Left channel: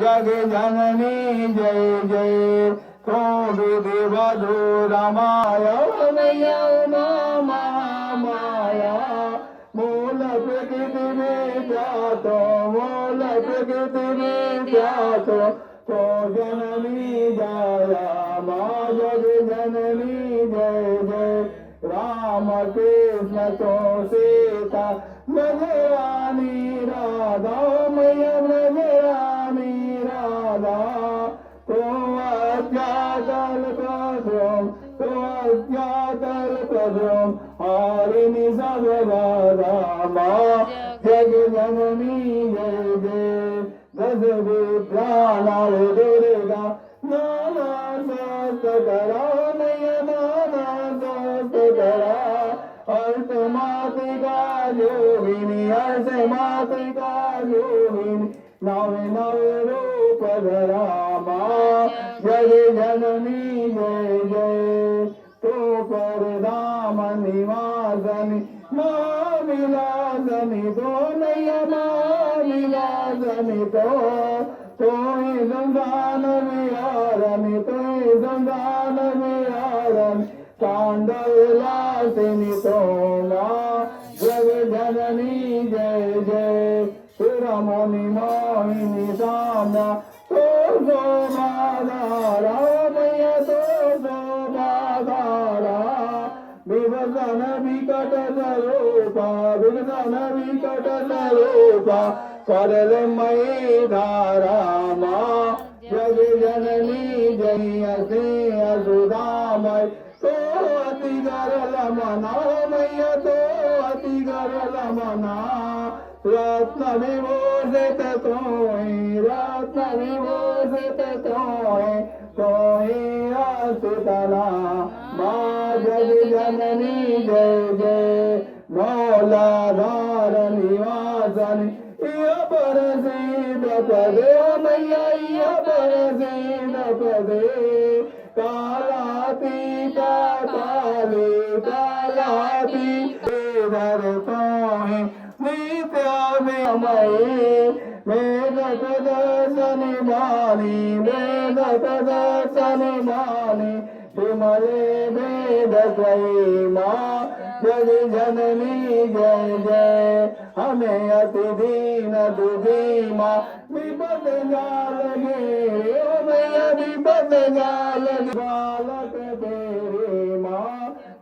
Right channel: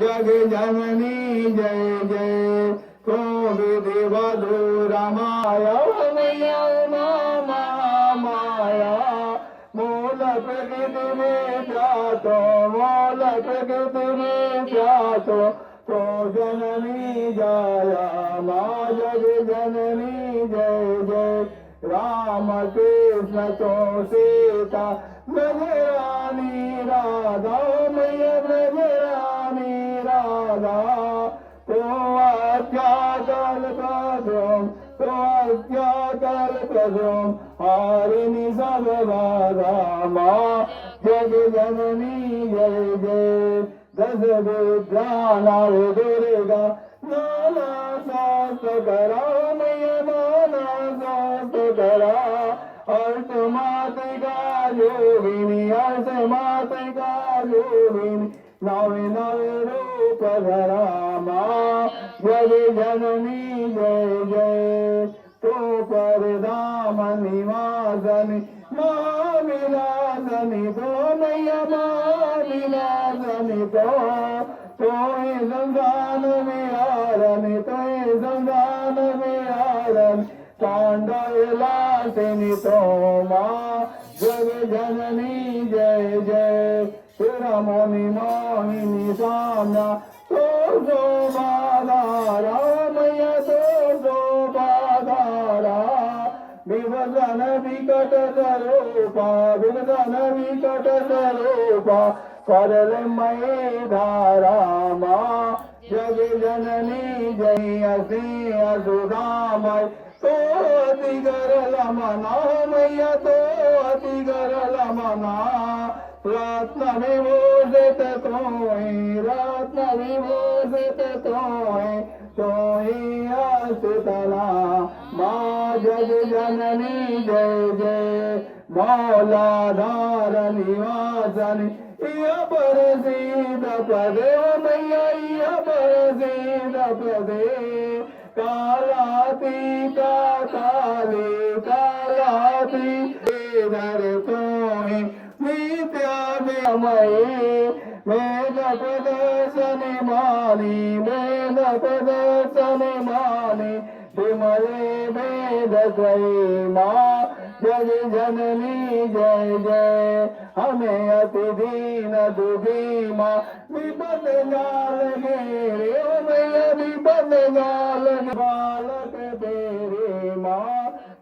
जग जननी जय जय तो विधि वधु रमाय माया मूल प्रकृति में जातो मूल प्रकृति में जातो तो जननी जाया माँ जग जननी जय जय राम कृष्ण तो सीता नजरानी राधा मैया नजरानी राधा तो अत्याकल प्रदम तो अत्याकल प्रदम हारिणी सब राधा माँ जग जननी जय जय दस विद्यानां दुर्गा नाना शास्त्र करा मैया नाना शास्त्र करा अर्थ मातृका योगिनी अर्थ मातृका योगिनी नवे नवे रूप धरा माँ जग जननी जय जय तो परधाम निवासनी माँ विलासनी तो मैया माँ विलासनी तो संतान विहारनी तो संतान विहारनी कांडविलासिनी तो माँ जग जननी जय जय सुरमणि मोहिनी साम्या तो शोभाधारा मैया तो शोभाधारा विभजन विकट स्वरूपा विभजन विकट स्वरूपा करमयी धारा माँ जग जननी जय श्री असुधामय तो अति गरल मना मैया तो अति गरल मना रत्न विभूषित तोहि रत्न विभूषित तोहि असुतला माँ जग जननी जय जय मौलाधार निवासनी पर सीध पदे मैया पर सीध पदे कालातीता काले कालाती धर तोहि नित्यामयी वेद प्रदर्शनि मानी वेद प्रदर्शनि मानी विमले वेद त्रयी माँ जग जननी जय जय हमें अति दीन दुखी माँ विपद जाल घेरे मैं विपद जाल बालक तेरे माँ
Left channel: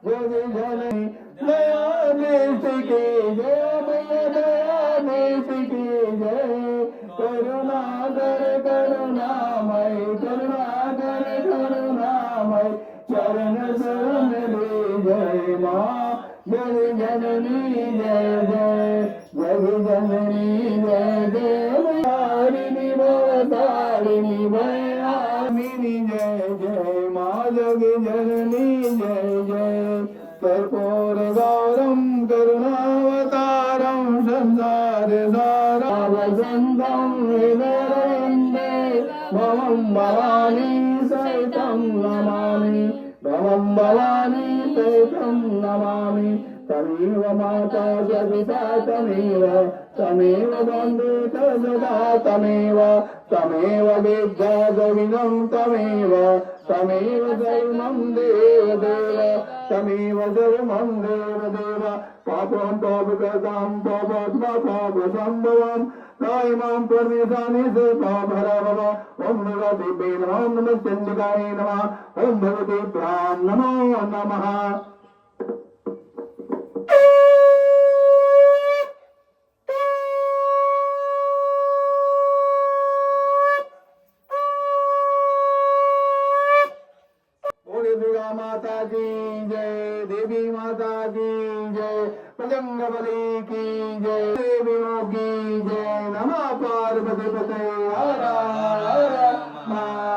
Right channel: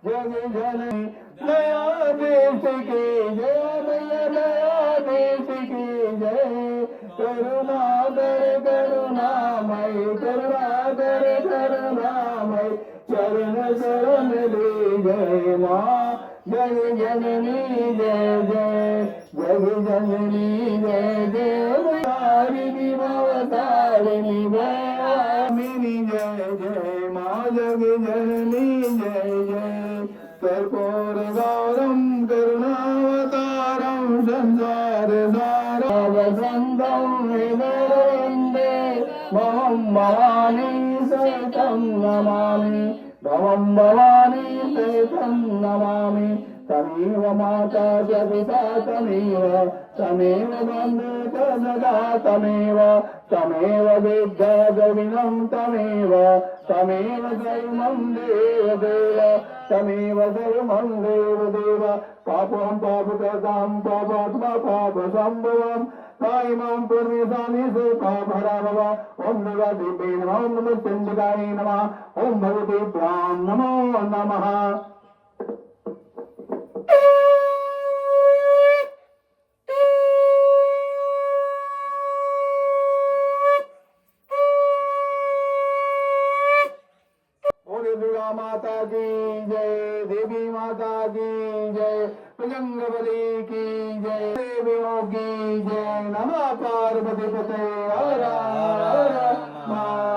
जग जननी नया देश की जय नया देश की जय करुणा कर करुणामय करुणा कर करुणामय चरण शरण ले जय माँ जग जननी जय जय जग जननी जय जय तारिणी भवतारिणी भयामिनी जय जय माँ जग जननी जय जय कर्पूर गौरम करुणावतारम संसार सारम वसंतम विनरवन्दे भवं भवानी सहितं नमामि भवं भवानी सहितं नमामि तमेव माता च पिता तमेव बन्धुः सदा तमेव विद्या गविनं तमेव सर्वं देव तमेव सर्वं देव पापं पापकृतां पापात्मा पापसम्भवं कायमां परमेशानि से पापहरा भव ओम नमः ओम नमः चंडिकाय नमः ओम भगवते प्राण नमो नमः दुर्गा माता की जय देवी माता की जय बजरंग बली की जय देवियों की जय नमः पार्वती पते हर हर